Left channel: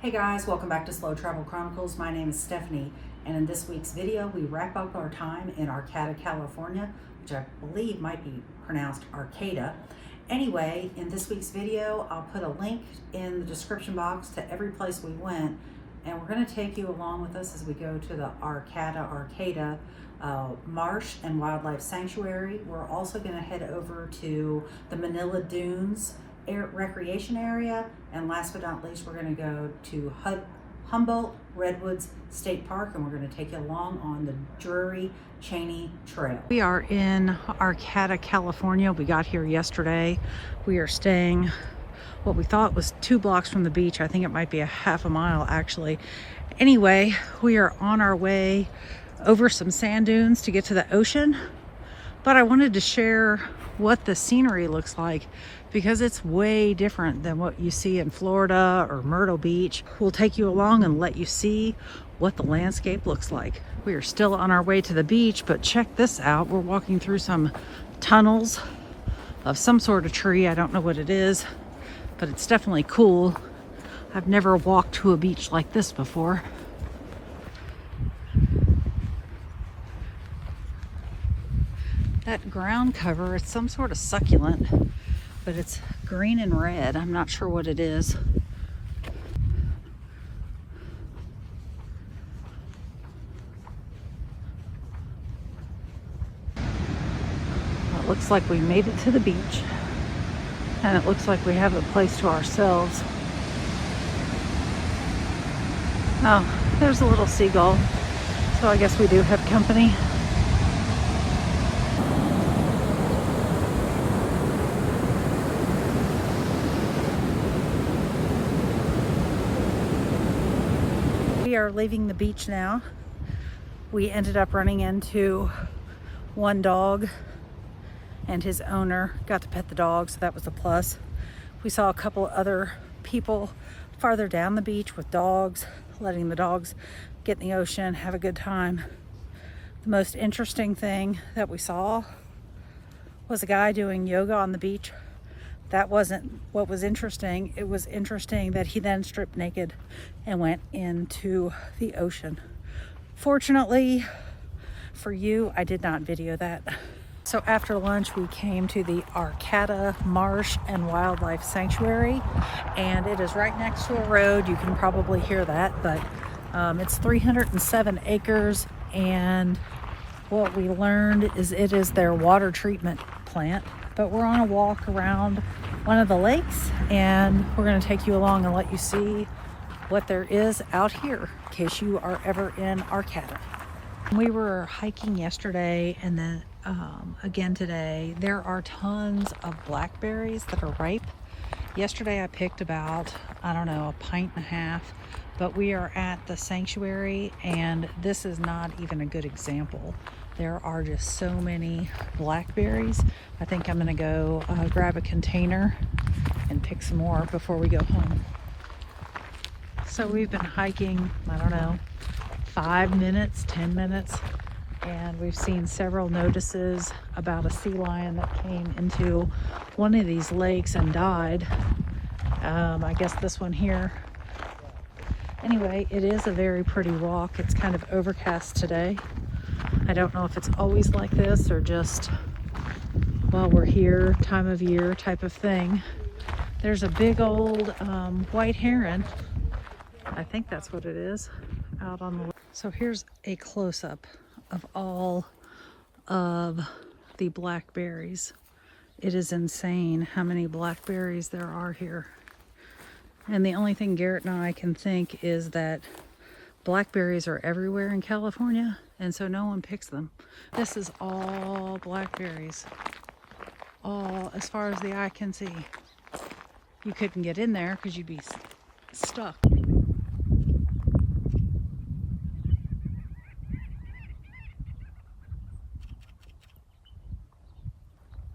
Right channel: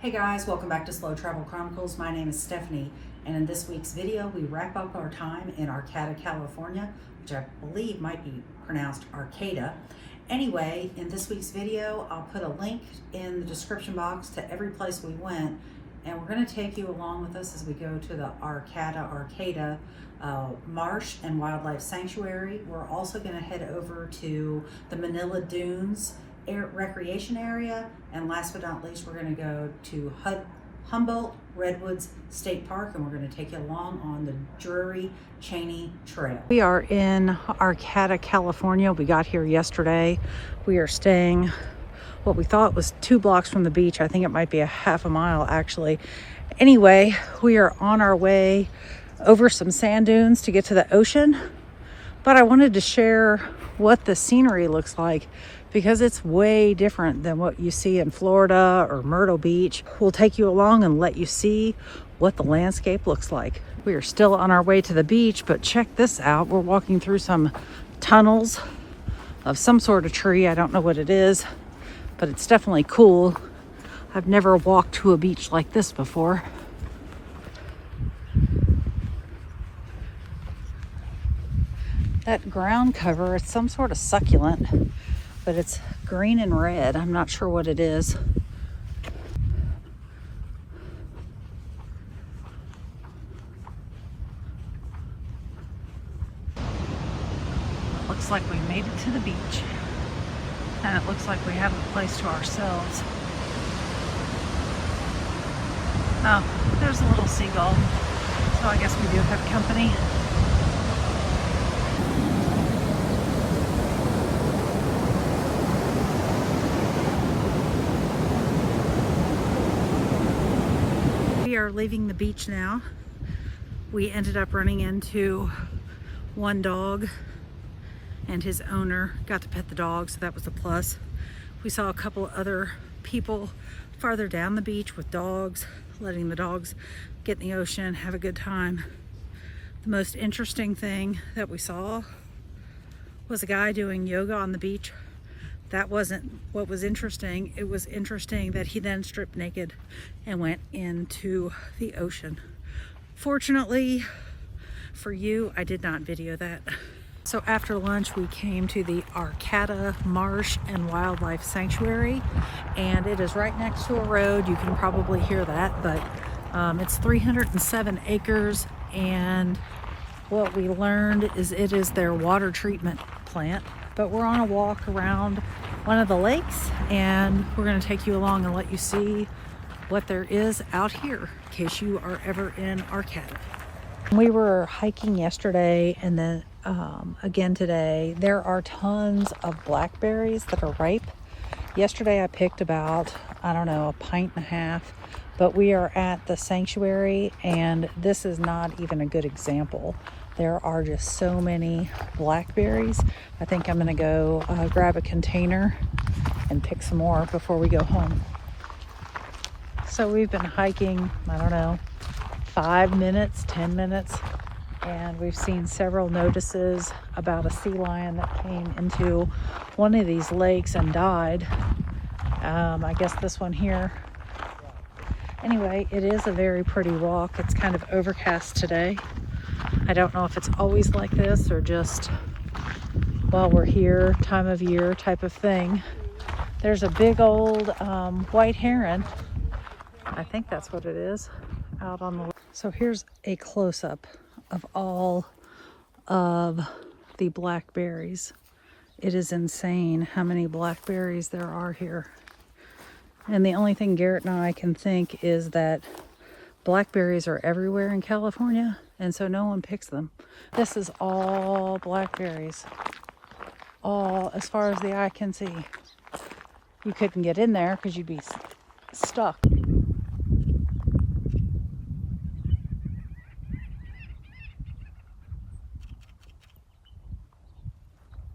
Hey guys, welcome back to Slow Travel Chronicles. My name is Stephanie, and in this week's video, we wrap up our time in Arcata, California, which I believe might be pronounced Arcata. Anyway, in this week's video, I'll put a link in the description box to every place we went, and we're going to take you along with us as we go to the Arcata Marsh and Wildlife Sanctuary. We're also going to head over to the Manila Dunes recreation area, and last but not least, we're going to go to Humboldt Redwoods State Park, and we're going to take you along on the Drury Cheney Trail. We are in Arcata, California. We got here yesterday. We are staying what we thought was 2 blocks from the beach. I think it might be a half a mile actually. Anyway, we are on our way over some sand dunes to get to the ocean, but I wanted to share what the scenery looks like because it's way different than what you see in Florida or Myrtle Beach. We'll take you along and let you see what the landscape looks like. We are still on our way to the beach, but check this out. We're walking through some tunnels of some sort of tree. I don't know what it is, but it's definitely cool. I've never walked to a beach like this before. That ground cover, it's some sort of succulent, but it's green and red. I'm not sure what it is. It looks like we made it to the beach, and it looks like we have the place to ourselves. Oh, there's a little seagull, so I guess we do have company. We are leaving the beach now. We ended up running into one dog and his owner. Got to pet the dog, so that was a plus. We saw a couple other people farther down the beach with dogs, letting the dogs get in the ocean, have a good time. The most interesting thing that we saw was a guy doing yoga on the beach. That wasn't what was interesting. It was interesting that he then stripped naked and went into the ocean. Fortunately for you, I did not video that. So after lunch, we came to the Arcata Marsh and Wildlife Sanctuary, and it is right next to a road. You can probably hear that, but it's 307 acres, and what we learned is it is their water treatment plant. But we're on a walk around one of the lakes, and we're going to take you along and let you see what there is out here in case you are ever in Arcata. We were hiking yesterday, and then again today. There are tons of blackberries that are ripe. Yesterday I picked about, I don't know, 1.5 pints, but we are at the sanctuary, and this is not even a good example. There are just so many blackberries. I think I'm gonna go grab a container and pick some more before we go home. So we've been hiking, I don't know, 5 minutes, 10 minutes, and we've seen several notices about a sea lion that came into one of these lakes and died. I guess this one here. Anyway, it is a very pretty walk. It's kind of overcast today. I don't know if it's always like this or just while we're here, time of year type of thing. There's a big old white heron. I think that's what it is, out on the. So here's a close-up of all of the blackberries. It is insane how many blackberries there are here. And the only thing Garrett and I can think is that blackberries are everywhere in California, and so no one picks them. This is all blackberries, all as far as the eye can see. You couldn't get in there because you'd be stuck.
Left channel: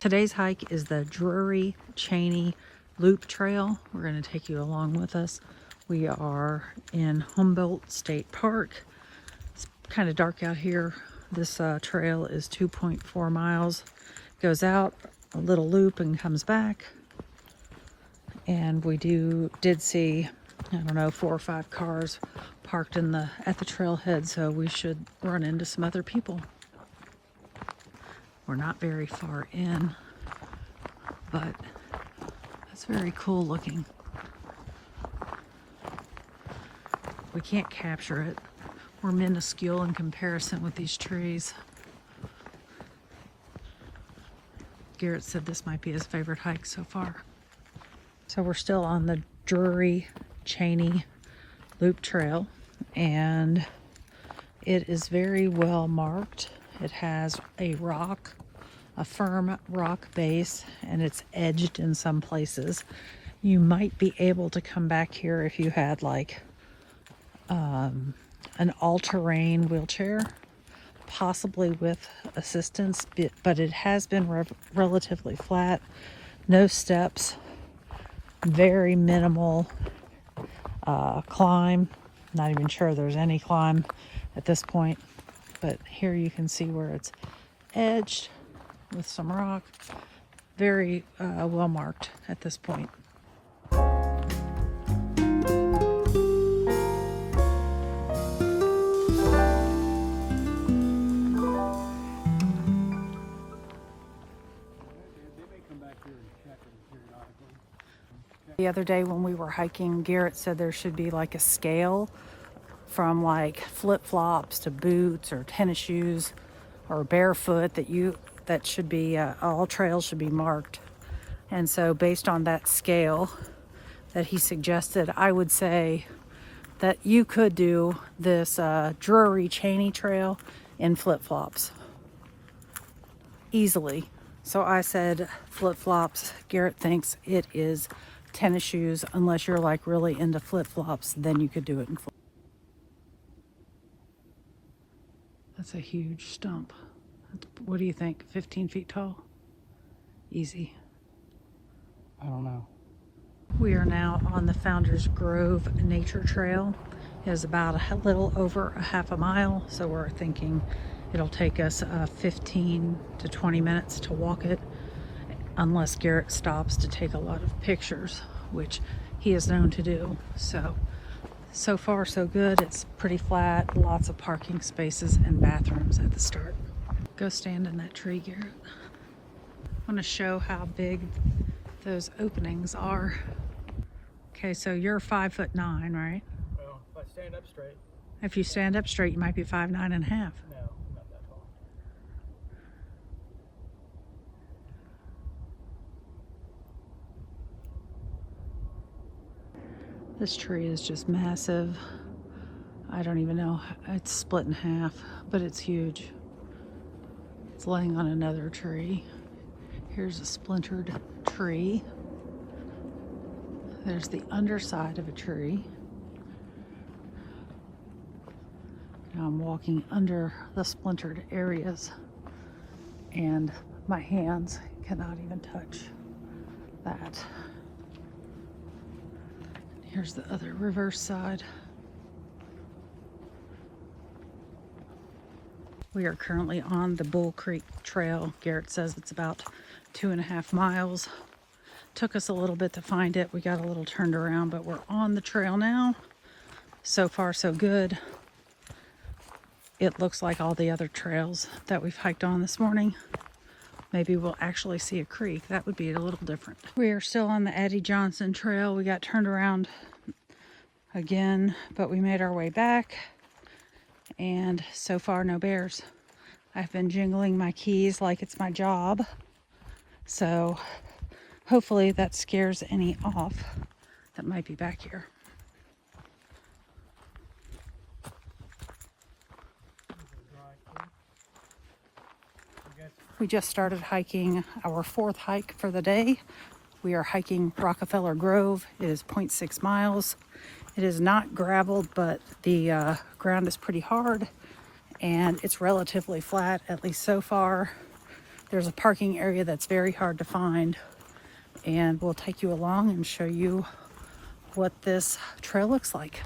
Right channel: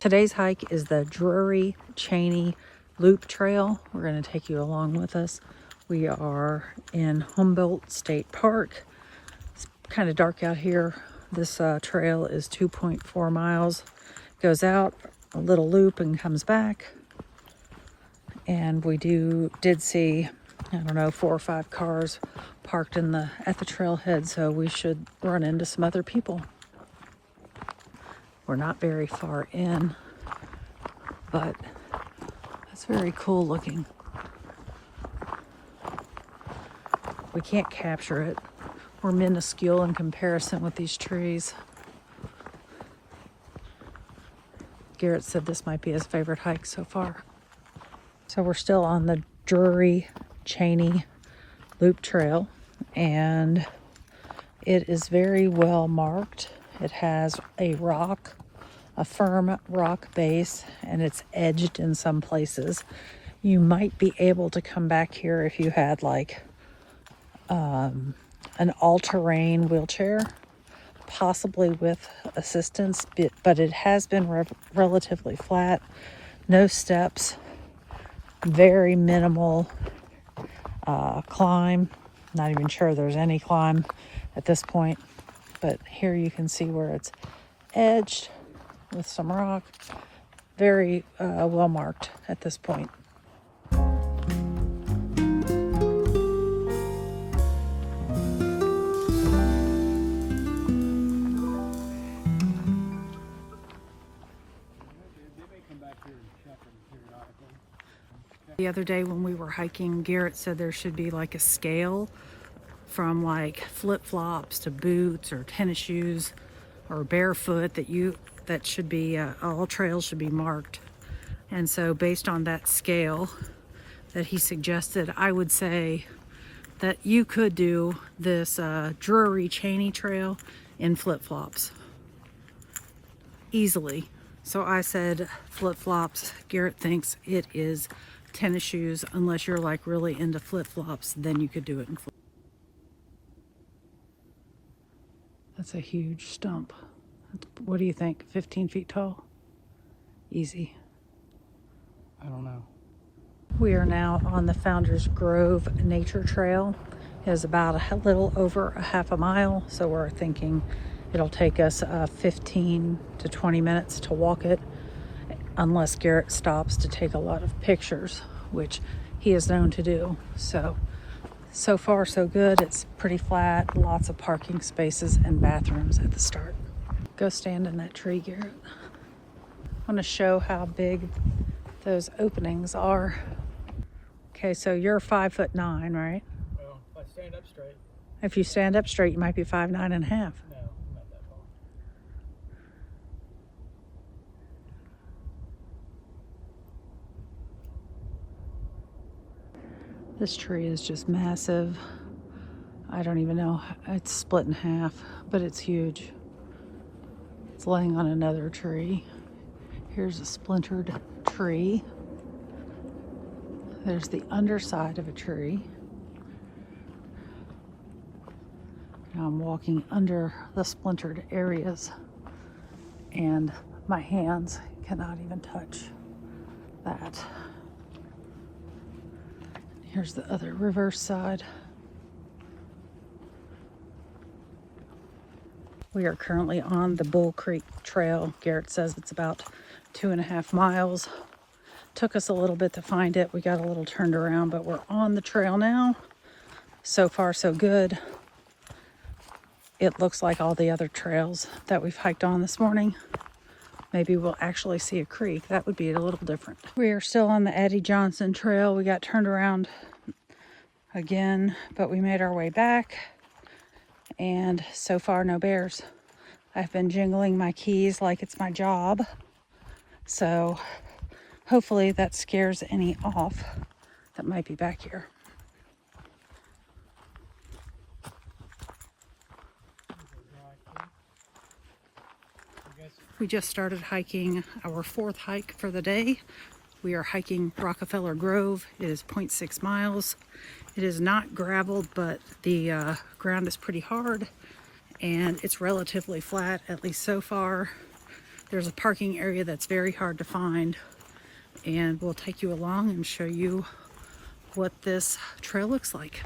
Today's hike is the Drury Cheney Loop Trail. We're going to take you along with us. We are in Humboldt State Park. It's kind of dark out here. This trail is 2.4 miles. Goes out a little loop and comes back. And we did see I don't know, 4 or 5 cars parked at the trailhead, so we should run into some other people. We're not very far in, but it's very cool looking. We can't capture it. We're minuscule in comparison with these trees. Garrett said this might be his favorite hike so far. So we're still on the Drury Cheney Loop Trail, and it is very well marked. It has a firm rock base, and it's edged in some places. You might be able to come back here if you had like an all-terrain wheelchair, possibly with assistance, but it has been relatively flat, no steps, very minimal climb. Not even sure there's any climb at this point, but here you can see where it's edged with some rock. Very well marked at this point. The other day when we were hiking, Garrett said there should be like a scale from like flip-flops to boots or tennis shoes or barefoot that should be all trails should be marked. And so based on that scale that he suggested, I would say that you could do this Drury Cheney Trail in flip-flops easily. So I said flip-flops. Garrett thinks it is tennis shoes, unless you're like really into flip-flops, then you could do it in flip. That's a huge stump. What do you think? 15 feet tall? Easy. I don't know. We are now on the Founders Grove Nature Trail. It is about a little over a half a mile, so we're thinking it'll take us 15 to 20 minutes to walk it, unless Garrett stops to take a lot of pictures, which he is known to do. So far so good. It's pretty flat, lots of parking spaces and bathrooms at the start. Go stand in that tree, Garrett. I want to show how big those openings are. Okay, so you're 5'9", right? Well, if I stand up straight. If you stand up straight, you might be 5'9" and a half. No, I'm not that tall. This tree is just massive. I don't even know. It's split in half, but it's huge. It's laying on another tree. Here's a splintered tree. There's the underside of a tree. Now I'm walking under the splintered areas, and my hands cannot even touch that. Here's the other reverse side. We are currently on the Bull Creek Trail. Garrett says it's about 2.5 miles. Took us a little bit to find it. We got a little turned around, but we're on the trail now. So far, so good. It looks like all the other trails that we've hiked on this morning. Maybe we'll actually see a creek. That would be a little different. We are still on the Addie Johnson Trail. We got turned around again, but we made our way back. And so far, no bears. I've been jingling my keys like it's my job. So hopefully that scares any off that might be back here. We just started hiking our 4th hike for the day. We are hiking Rockefeller Grove. It is 0.6 miles. It is not graveled, but the ground is pretty hard and it's relatively flat, at least so far. There's a parking area that's very hard to find, and we'll take you along and show you what this trail looks like.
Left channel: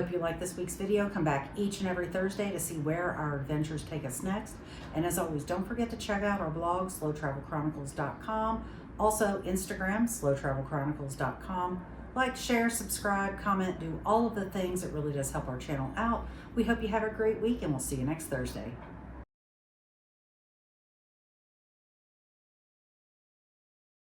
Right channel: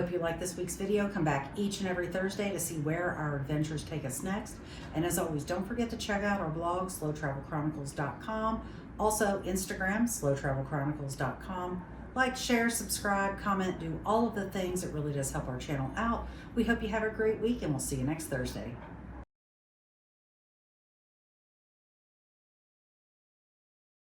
hope you like this week's video. Come back each and every Thursday to see where our adventures take us next. And as always, don't forget to check out our blog, slowtravelchronicles.com. Also, Instagram, slowtravelchronicles.com. Like, share, subscribe, comment, do all of the things. It really does help our channel out. We hope you have a great week, and we'll see you next Thursday.